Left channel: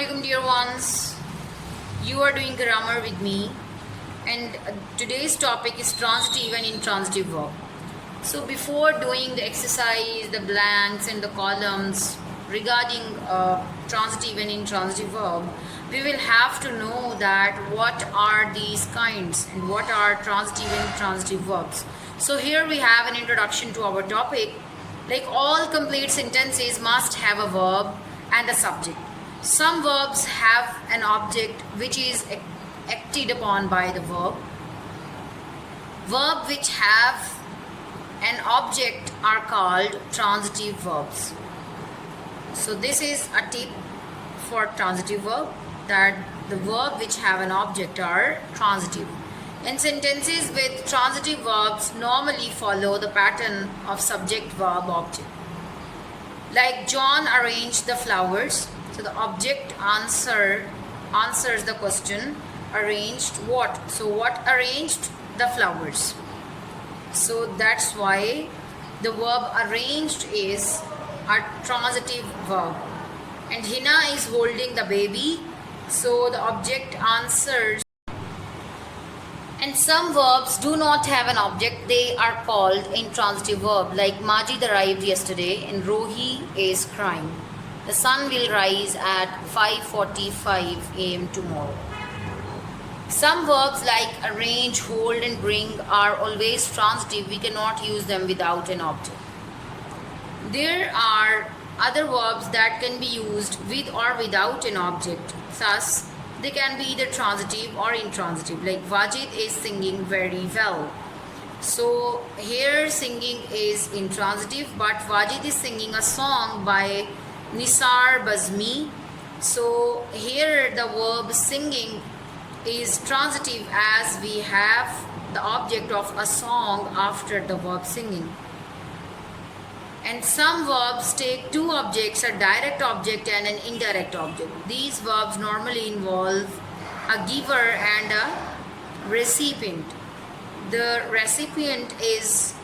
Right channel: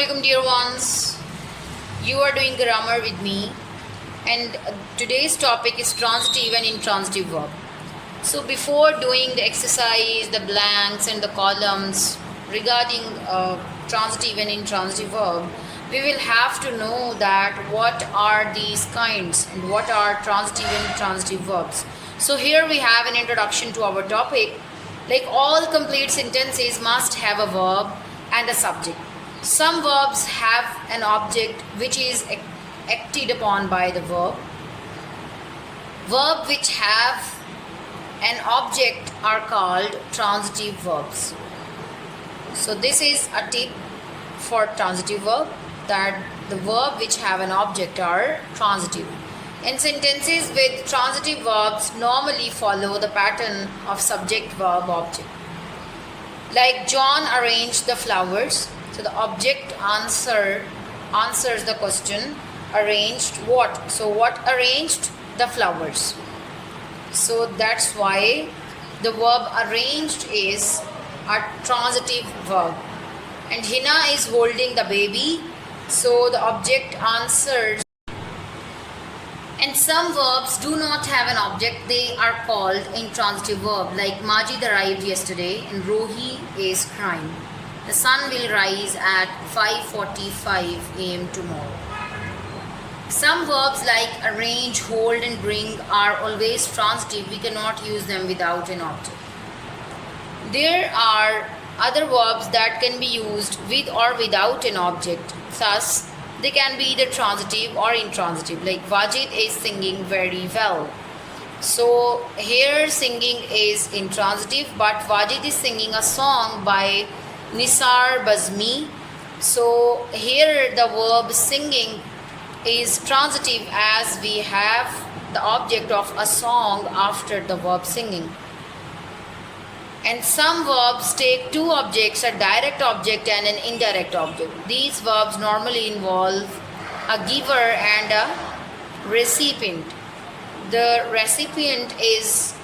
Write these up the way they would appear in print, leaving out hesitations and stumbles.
Assalamualaikum dear ones. You are doing grammar with me, and today's topic is transitive and intransitive verb. So before doing the exercise, the blanks and the columns regarding transitive and intransitive verb, we will have to know that what are these kinds and what are transitive and intransitive verbs. So here we have an introduction to our topic. Like all complete sentences must have a verb and a subject. Some verbs have an object which is acted upon by the verb. Verbs which have an object are called transitive verbs. So this is a tip for transitive verb, that the verb which have an object are transitive. In sentences with transitive verbs normally follow the pattern of subject verb object. Like John arranged the flowers. So the object answers the question, arranged what? So what arranged? The flowers. So that's why the verb arranged is a transitive verb. And Hina is holding the baby. So the object answers. And some verbs do not have an object. They are called intransitive verb. Like Majid arrived yesterday and Rohi is crying. The sun will rise at 5:45 a.m. tomorrow. Some verbs like arrange, hold and bring are always transitive. We cannot use them without an object. There are other verbs that can be used with or without an object. Thus, they can be either transitive or intransitive. Like Wajid is singing very well. So here singing is intransitive, but Wajid is singing a song by Nisar Bazmi. So here the verb singing is transitive as we have the object of a song after the verb singing. And some verbs take two objects, a direct object and an indirect object. These verbs normally involve a giver and a recipient. The recipient is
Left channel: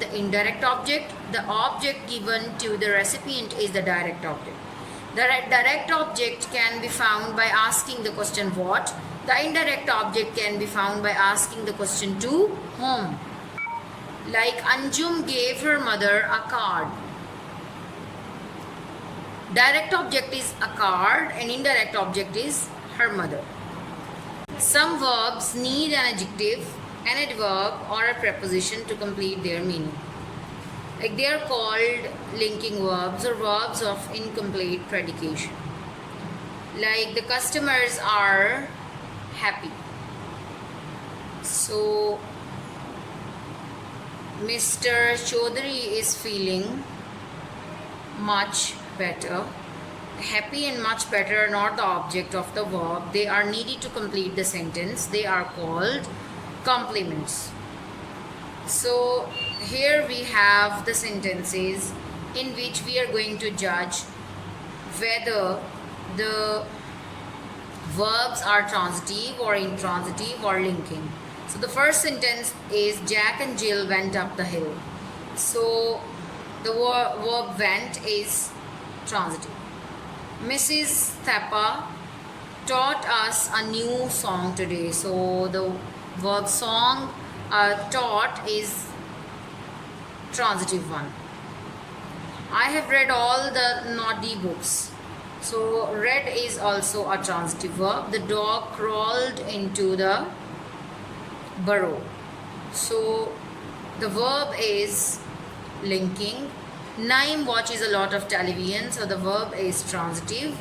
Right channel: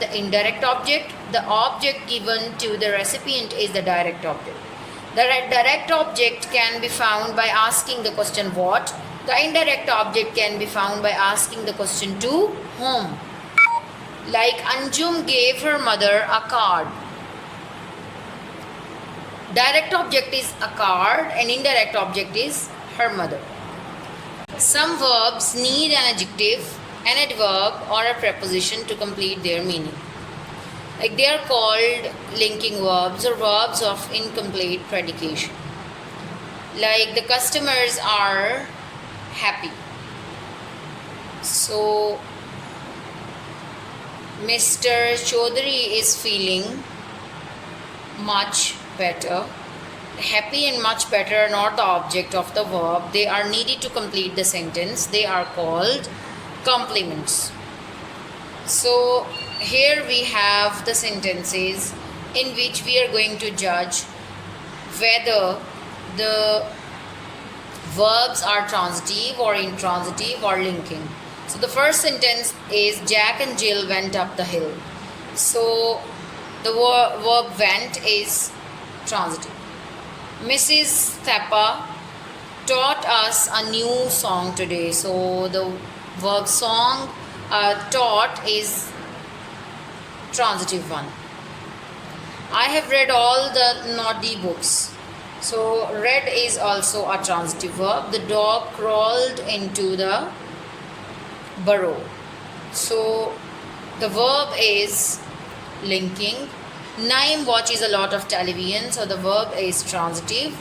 the indirect object. The object given to the recipient is the direct object. The direct object can be found by asking the question what. The indirect object can be found by asking the question to whom. Like Anjum gave her mother a card. Direct object is a card and indirect object is her mother. Some verbs need an adjective, an adverb or a preposition to complete their meaning. Like they are called linking verbs or verbs of incomplete predication. Like the customers are happy. So Mr. Chaudhary is feeling much better. Happy and much better are not the object of the verb. They are needed to complete the sentence. They are called complements. So here we have the sentences in which we are going to judge whether the verbs are transitive or intransitive or linking. So the first sentence is Jack and Jill went up the hill. So the verb went is transitive. Mrs. Thapa taught us a new song today. So the verb song taught is transitive one. I have read all the naughty books. So read is also a transitive verb. The dog crawled into the burrow. So the verb is linking. Naim watches a lot of television. So the verb is transitive.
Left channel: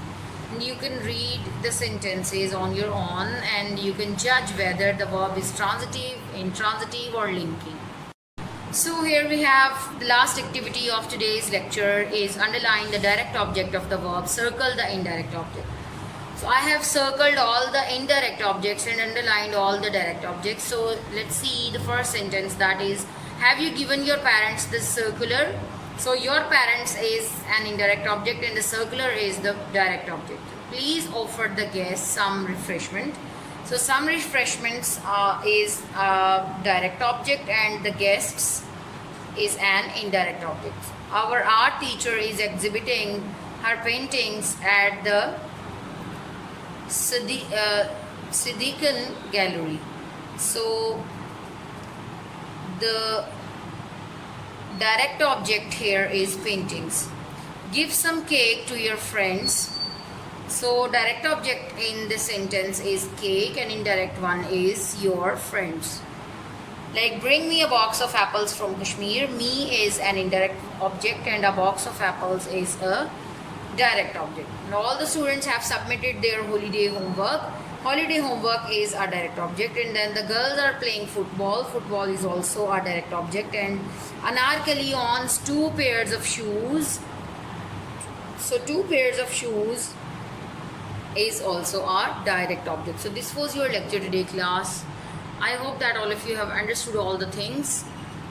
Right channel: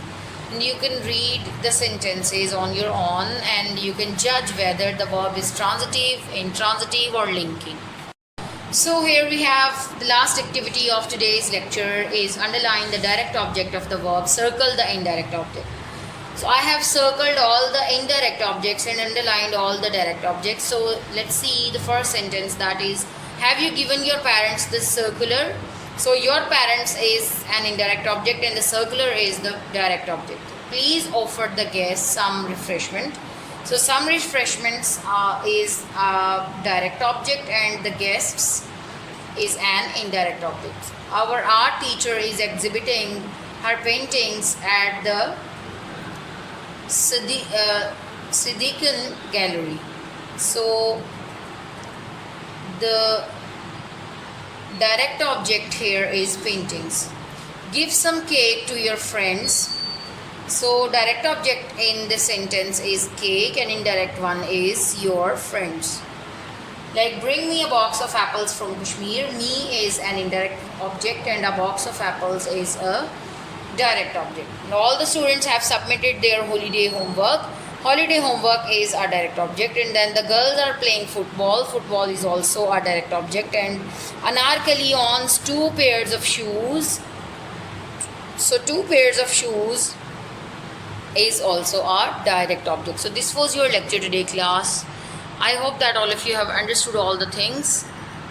And you can read the sentences on your own and you can judge whether the verb is transitive, intransitive or linking. So here we have the last activity of today's lecture is underline the direct object of the verb, circle the indirect object. So I have circled all the indirect objects and underlined all the direct objects. So let's see the first sentence, that is, have you given your parents this circular? So your parents is an indirect object and the circular is the direct object. Please offer the guests some refreshment. So some refreshments is a direct object and the guests is an indirect object. Our art teacher is exhibiting her paintings at the Siddiqui Gallery. So the direct object here is paintings. Give some cake to your friends. So direct object in this sentence is cake and indirect one is your friends. Like bring me a box of apples from Kashmir. Me is an indirect object and a box of apples is a direct object. And all the students have submitted their holiday homework. Holiday homework is a direct object, and then the girls are playing football. Football is also a direct object, and Anarkali owns 2 pairs of shoes. So 2 pairs of shoes is also a direct object. So this was your lecture today, class. I hope that all of you have understood all the things.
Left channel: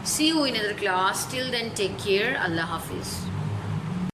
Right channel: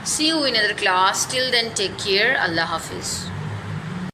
See you in another class. Till then, take care. Allah Hafiz.